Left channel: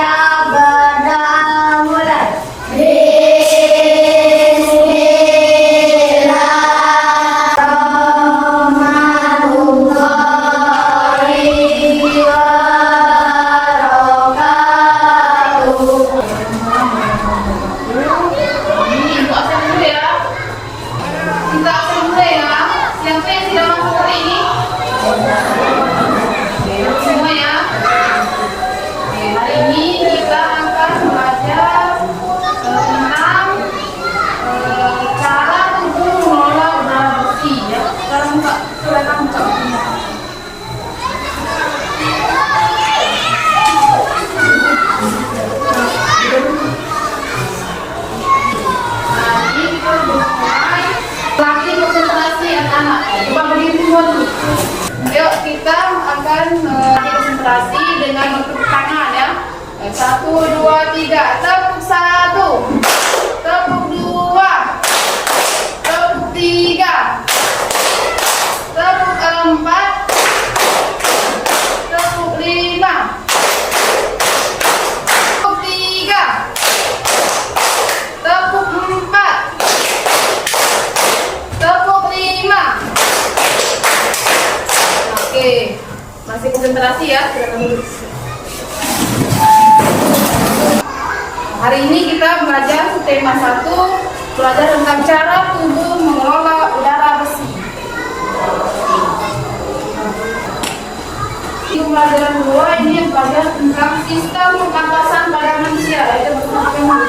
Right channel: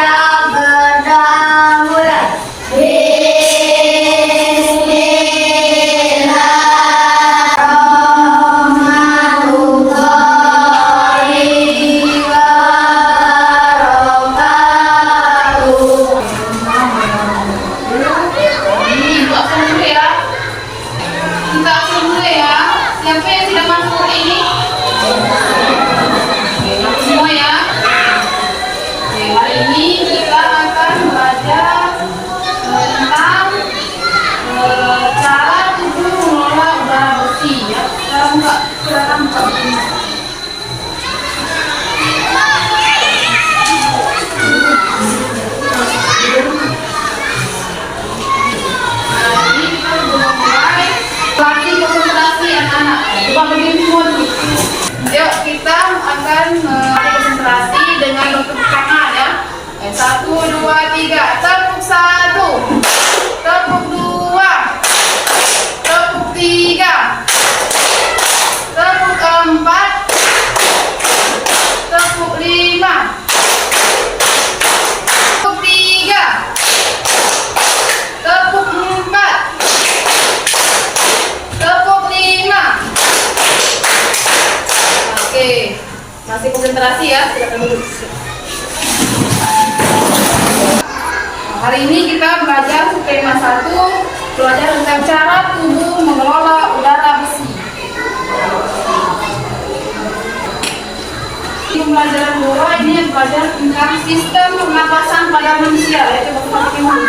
siap berdaulat. Siapa yang tidak masuk hari ini? Semua ya. Oke, hari ini kita akan belajar tentang cara tubuh mengelola udara bersih ya. Silakan buka bukunya. Nah, ini kita sudah mulai latih konsentrasi anak-anak. Coba berdiri semua dulu. Yuk kita akan konsentrasi dengan bertepuk tangan ya. 1, 2, 3. Tepuk 1, tepuk 2, tepuk 3, tepuk 4, tepuk 5, tepuk 3, tepuk 4, tepuk 5. Oke, masih konsentrasi ya, silakan duduk. Hari ini kita belajar tema 1, belajar tentang cara tubuh mengelola udara bersih. Di pelajaran 2 ini belajar tentang sistem pernapasan pada manusia, yaitu teman-teman.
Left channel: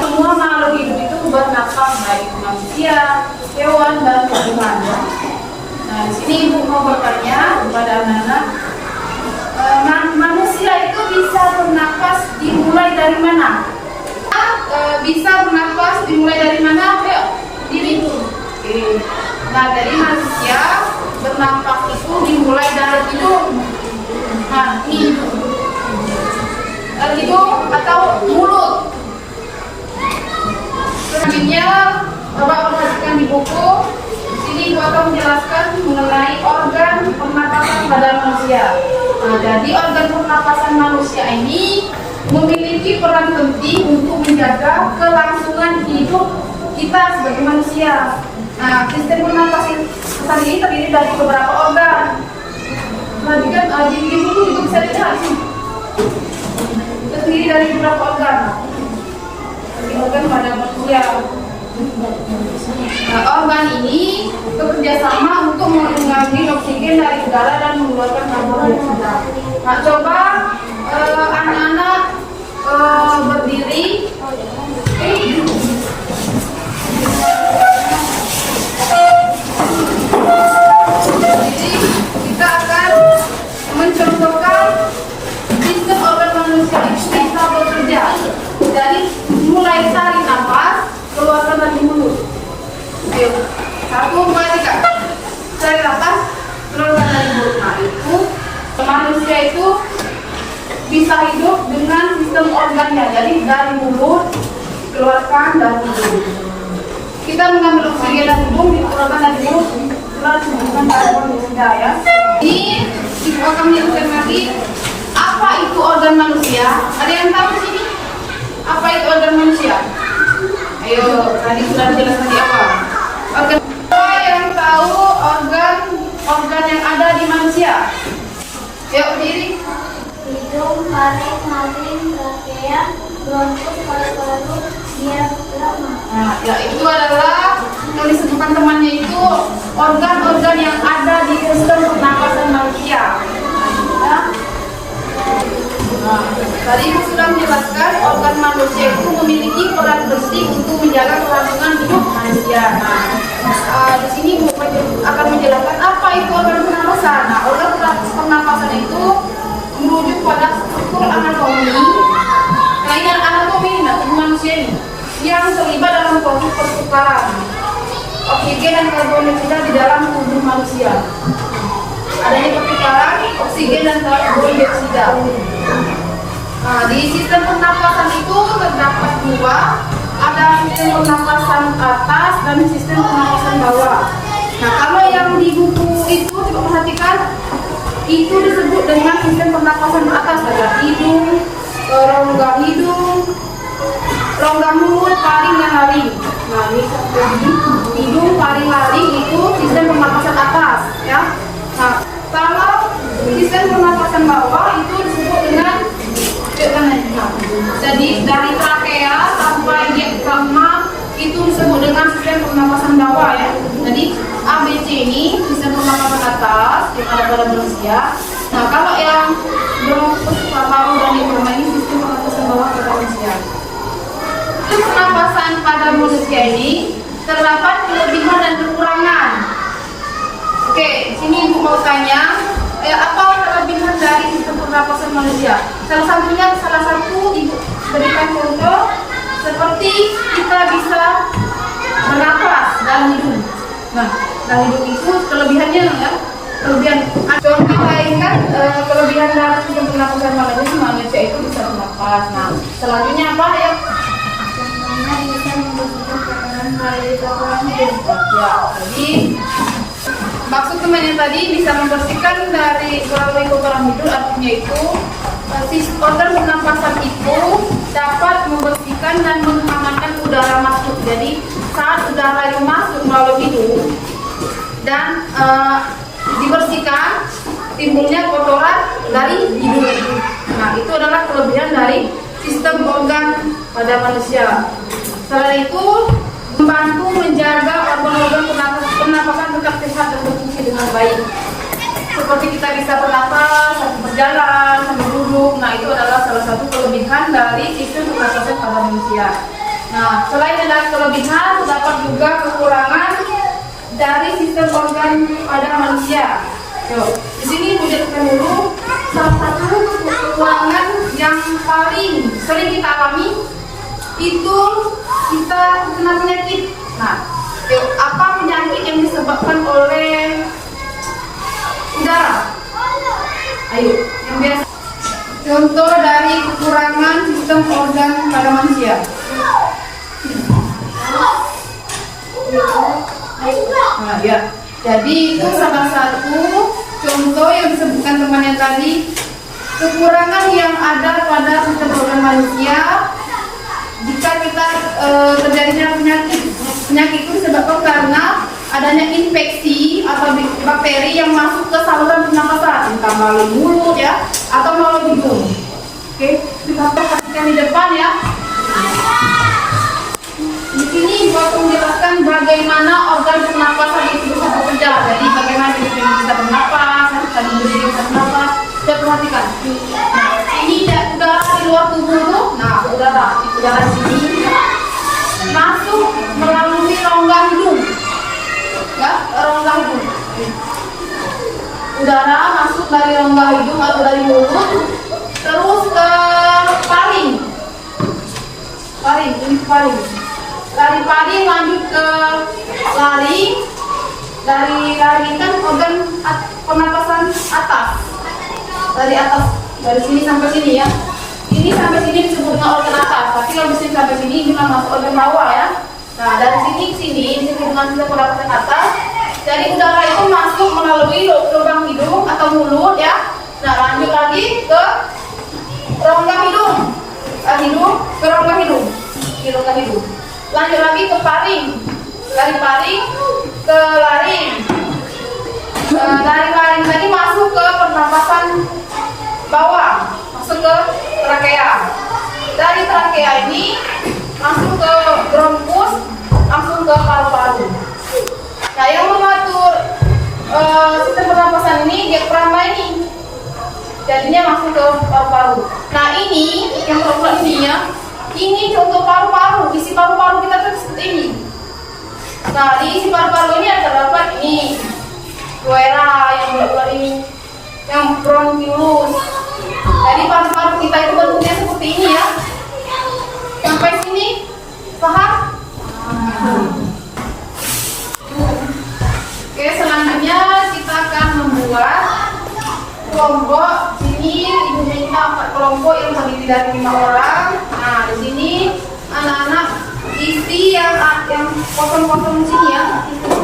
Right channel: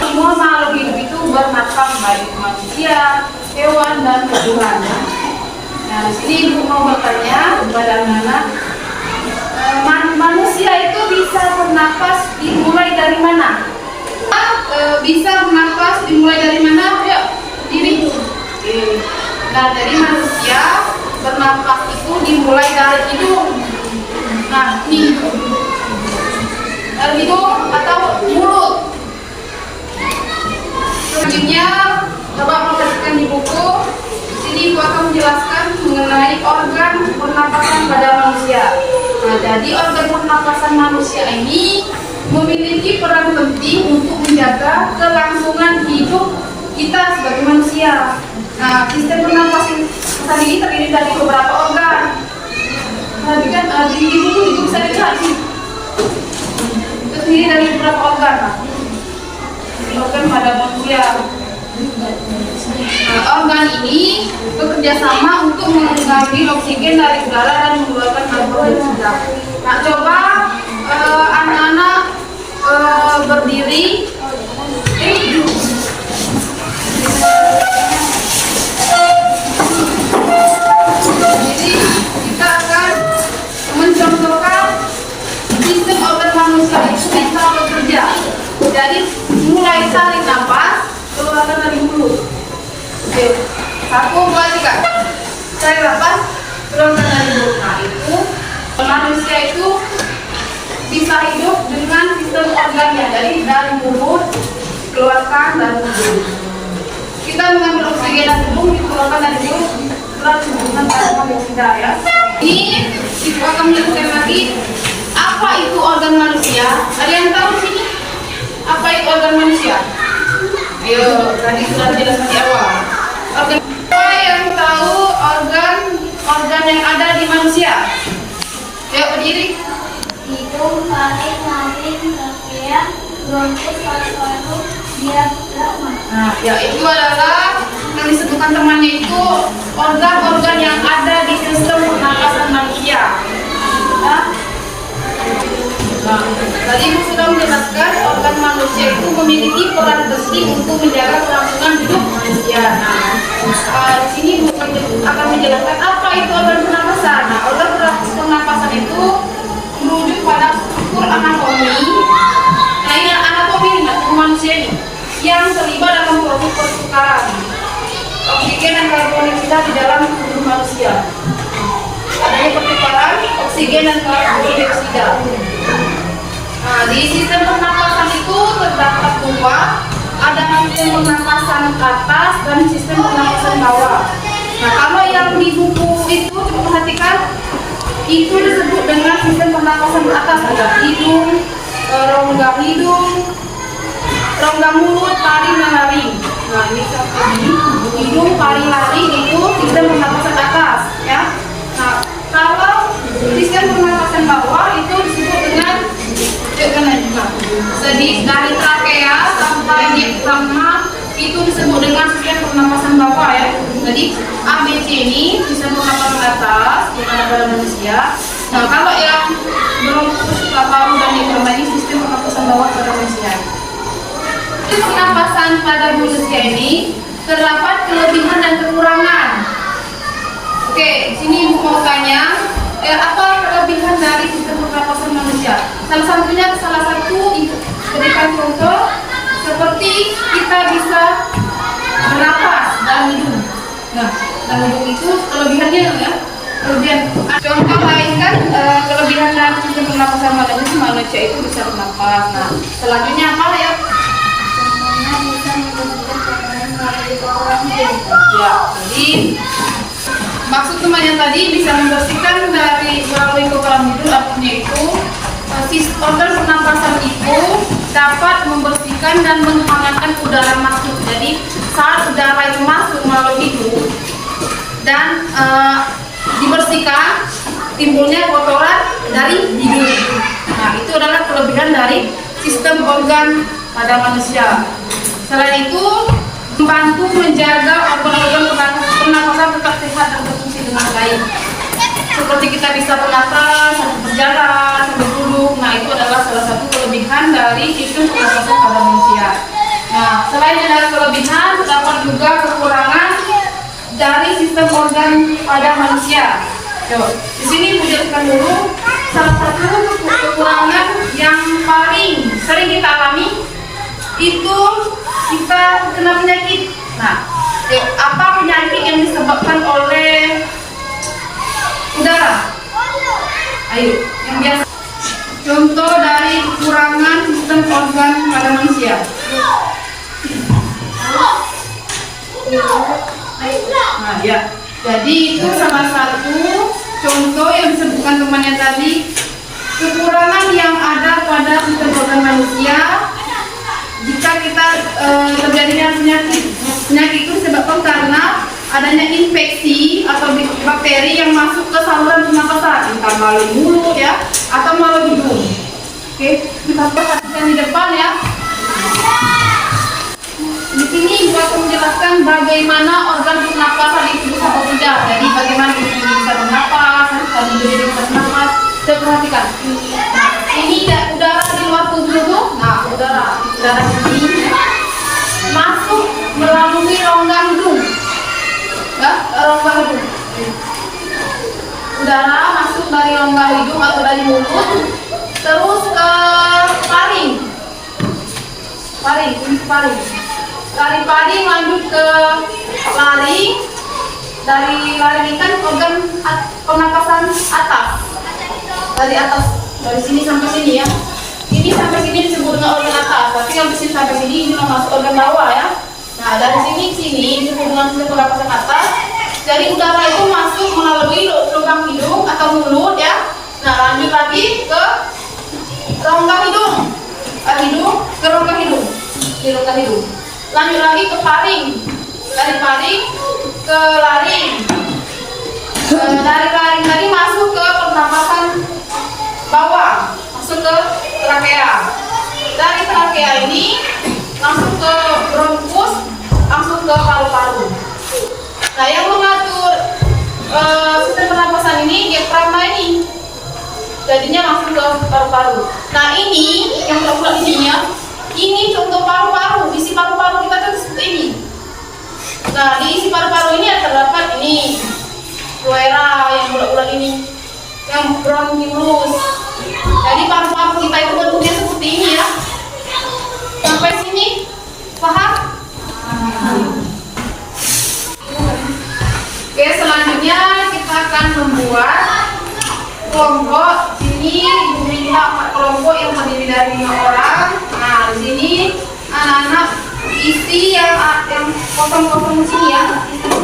Semua makhluk hidup itu bernapas, baik manusia, hewan dan tumbuhan. Nah, di sini Ibu mau bertanya kepada anak-anak, manusia itu bisa bernapas dimulai dari mana? Bisa bernapas dimulai dari mana? Ya, diri. Oke. Nah, dari manusia bernapas itu dimulai dari hidung. Nah, ini dari hidung atau mulut. Selanjutnya, coba perhatikan di buku. Ini Ibu akan menjelaskan mengenai organ pernapasan pada manusia. Nah, jadi organ pernapasan manusia ini memiliki peran penting untuk menjaga kelangsungan hidup kita sebagai manusia. Nah, sistem pernapasan ini terdiri dari beberapa organ. Perhatikan di buku itu bisa dilihat sih. Terdiri dari beberapa organ. Ini organ pada manusia. Nah, organ ini bekerja sama untuk mengambil oksigen dari udara dan mengeluarkan karbon dioksida. Nah, coba anak-anak berdiri. Jadi kita akan mencontohkan sistem organ manusia itu bisa bekerja. Jadi mulai tarik nafas, keluarkan dari mulut. Oke, 1, 2, 3. Tarik nafas, keluarkan dari mulut. Nah, itu manusia itu bisa hidup dengan sistem organnya. Jadi dari mulut keluarkan dari hidung. Kita mengambil oksigen dari hidung, dikeluarkan dari mulut, keluarkan hubungan karbon dioksida ya. Ini kita akan menjelaskan lagi apa itu organ manusia. Ada yang tahu di sini? Apa itu organ manusia? Ayo, tadi sudah dijelaskan di awal. Apa yang tahu organ yang ada di manusia? Yuk berdiri. Hidung, taring, nadi, trakea, bronkus, paru-paru, diafragma. Nah, ya itu adalah yang disebutkan temannya itu organ-organ yang ada di sistem pernapasan manusia. Nah, tadi Ibu sudah menjelaskan organ manusia itu memiliki peran penting untuk menjaga kelangsungan hidup manusia. Nah, di sini Ibu akan menjelaskan apa itu organ pernapasan. Nah, organ pernapasan itu merujuk pada struktur anatomi. Nah, ini anatomi tubuh manusia ini yang terlibat dalam proses pertukaran oksigen dan karbon dioksida di dalam tubuh manusia. Adanya pertukaran oksigen dan karbon dioksida. Nah, di sistem pernapasan itu terdapat 2, ada sistem pernapasan atas dan sistem pernapasan bawah. Nah, kalau yang di buku itu coba perhatikan, itu disebut dengan sistem pernapasan atas, ada hidung, rongga hidung, rongga mulut, paring dan laring. Nah ini tadi hidung, paring, laring itu sistem pernapasan atas ya. Nah kalau sistem pernapasan bawah itu disebut dengan jadi dari trakea sampai diafragma itu disebut dengan sistem pernapasan bawah ya. Jadi ABC ini sistem pernapasan atas pada manusia. Nah kalau yang bronkus, paru dan diafragma ini sistem pernapasan bawah pada manusia. Sistem pernapasan pada manusia ini terdapat kelebihan dan kekurangan. Oke, sini Ibu mau tanya, apa kelebihan dari sistem pernapasan manusia? Salah satu Ibu berikan contoh seperti kita bisa bernapas dalam hidung. Nah, dalam hidung itu kelebihannya ya. Contoh lain kan kelebihan dari sistem pernapasan manusia itu bisa bernapas. Nah, selanjutnya apa ya? Contohnya bisa membersihkan kotoran melalui saluran hidung. Ya, jadi maksud temannya tadi bisa membersihkan dari melalui kotoran hidung, artinya itu organ pernapasan itu dapat membersihkan dan menghangatkan udara masuk. Jadi saat udara itu masuk melalui hidung dan dibersihkan, timbulnya kotoran dari hidung. Nah itu adalah kelebihan dari sistem organ pada manusia. Selain itu membantu menjaga organ-organ pernapasan tetap sehat dan berfungsi dengan baik. Seperti kita bisa bernapas, sambil berjalan, sambil duduk. Nah itu adalah salah satu kelebihan dari sistem pernapasan pada manusia. Nah selain ada kelebihan, terdapat juga kekurangan dari sistem organ pada manusia. Di sini Ibu jelaskan dulu salah satu kekurangan yang paling sering kita alami itu kita kena penyakit. Nah, apa penyakit yang disebabkan oleh udara? Ayo, yang biasa. Contoh dari kekurangan sistem organ pada manusia. Nah, ya. Jadi itu salah satu contoh yang disebutkan temannya tadi, kekurangan yang ada pada sistem organ manusia jika kita terjadinya penyakit itu disebabkan karena adanya infeksi atau bakteri yang masuk ke saluran pernapasan, entah melalui mulut ya atau melalui hidung. Oke, kita perhatikan di depan ya. Di sini Ibu menjelaskan bagaimana organ pernapasan itu bisa bekerja. Jadi bagaimana kita bisa bernapas, kalau berdiri bisa bernapas. Kita perhatikan. Nah, ini udara di luar tubuh itu. Nah, udara ini masuk melalui rongga hidung. Ya, rongga hidung. Udara masuk dari rongga hidung atau dari mulut, terus ke paring. Ini paring. Dari paring lanjut ke laring. Dari laring kan organ pernapasan atas. Dari atas, dari sini sampai sini ya. Ini sampai sini disebut dengan organ atas. Tapi yang sini sampai sini ini masuk organ bawah ya. Nah dari sini ke sini disebut dengan sistem pernapasan atas. Jadi udara itu masuk melalui lubang hidung atau mulut ya. Nah lanjut lagi ke rongga hidung, ke rongga hidung, di rongga hidung. Lanjut lagi ke paring, dari paring ke laring. Dari laring tadi masuk ke pernapasan bawah, masuk ke trakea. Dari trakea ini masuk ke bronkus, langsung ke paru-paru. Nah yang mengatur sistem pernapasan ini diafragma ini, jadinya masuk ke paru-paru. Nah ini yang berulang ininya, ini contoh paru-paru. Isi paru-paru kita tuh seperti ini. Nah di isi paru-paru ini terdapat ini pleura yang bulat-bulat ini, yang bronkiolus. Jadi paru-paru kita itu bentuknya seperti ini ya. Sampai sini paham? Oke, selanjutnya kita akan membuat kelompok. Sini Ibu minta 4 kelompok yang terdiri dari 5 orang. Nah, di sini anak-anak isi yang kosong-kosong di sini ya.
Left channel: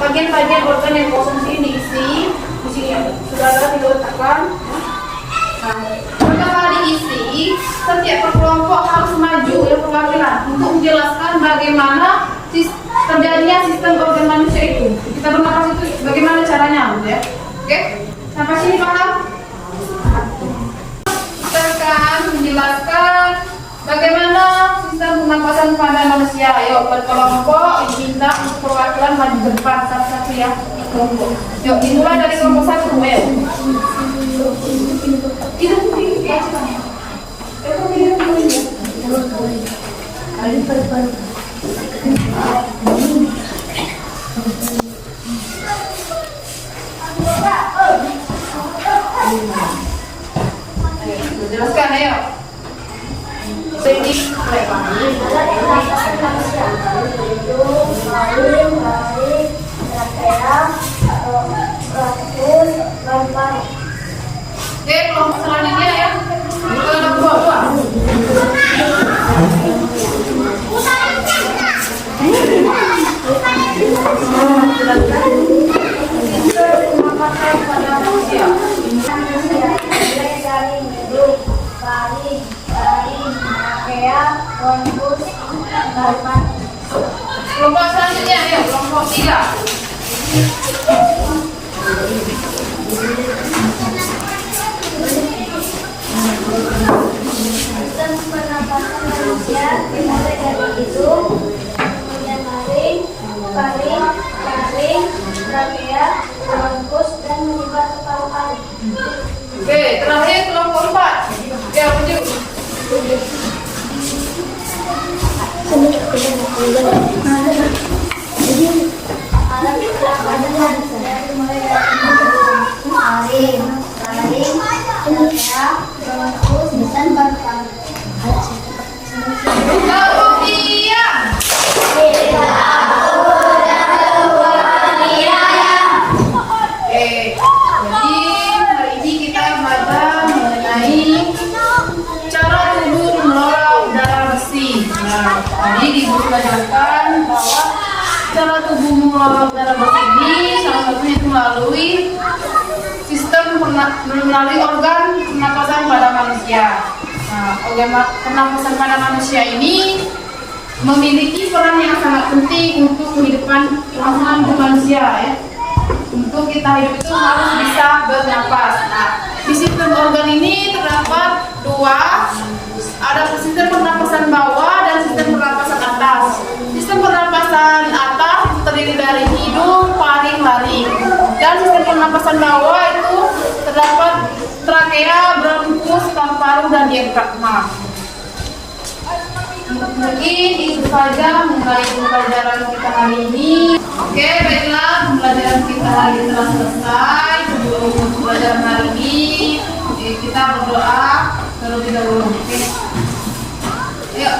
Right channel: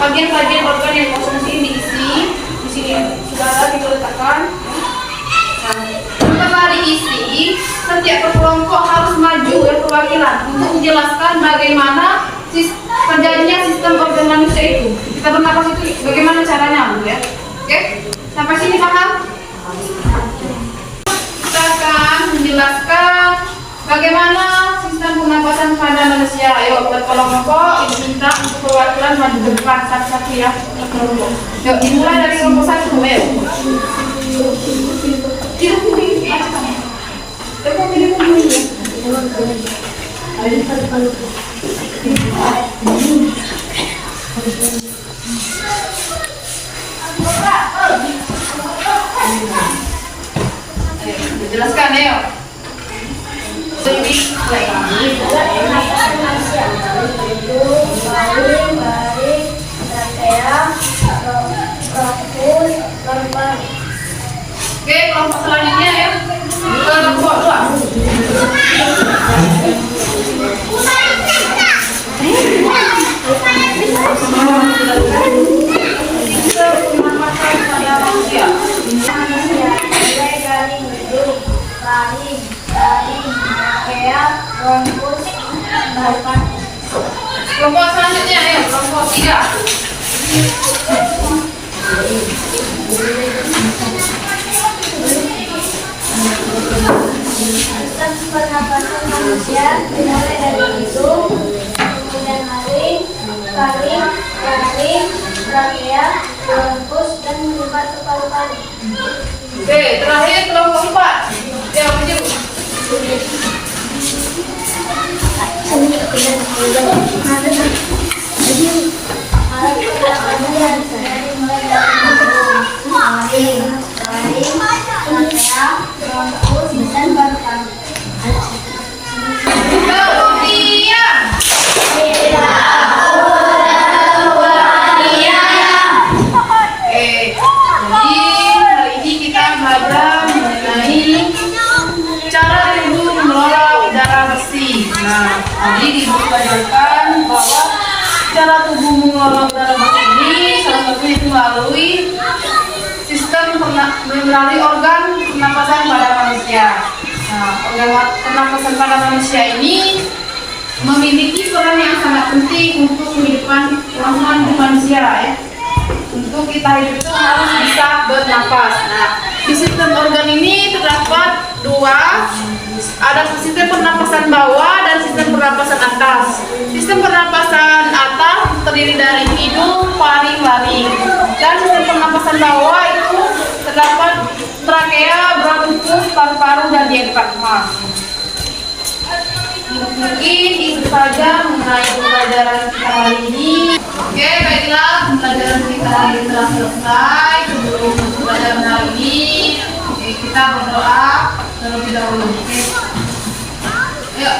Bagian-bagian organ yang kosong sini diisi. Di sini ya, sudah ada kita letakkan. Nah, setelah diisi, Jadi setiap kelompok harus maju ya perwakilan untuk menjelaskan bagaimana terjadinya sistem organ manusia itu. Kita bernapas itu bagaimana caranya, Bu ya? Oke, sampai sini paham? Kita akan menjelaskan bagaimana sistem pernapasan pada manusia. Ayo berkelompok diminta untuk perwakilan maju ke depan satu-satu ya kelompok. Yuk dimulai dari kelompok 1 ya. Jelaskan ayo. Oke, kelompok selanjutnya ya. Kelompok 2. Kelompok selanjutnya ya, kelompok 3. Sistem pernapasan manusia dimulai dari hidung, kemudian laring, trakea, bronkus, dan menyebar ke paru-paru. Oke, terakhir kelompok 4. Ya, maju. Alat pernapasan dimulai dari hidung, laring, trakea, bronkus, dan paru-paru. Kemudian jadi hari ini kita belajar mengenai cara tubuh mengelola udara bersih. Nah, tadi dibelajarkan bahwa cara tubuh mengelola udara bersih ini salah satunya itu melalui sistem melalui organ pernapasan pada manusia. Nah, organ pernapasan pada manusia ini memiliki peran yang sangat penting untuk kehidupan hidup manusia ya. Untuk kita hidup itu harus bisa bernapas. Nah, di sistem organ ini terdapat 2, ada sistem pernapasan bawah dan sistem pernapasan atas. Sistem pernapasan atas terdiri dari hidung, paru, laring. Dan sistem pernapasan bawah itu terdapat trakea, bronkus, paru-paru, dan diafragma. Mungkin itu saja mengenai pembelajaran kita hari ini. Oke, baiklah, pembelajaran kita hari ini telah selesai. Sebelum pembelajaran hari ini, kita berdoa terlebih dahulu. Oke, ayo,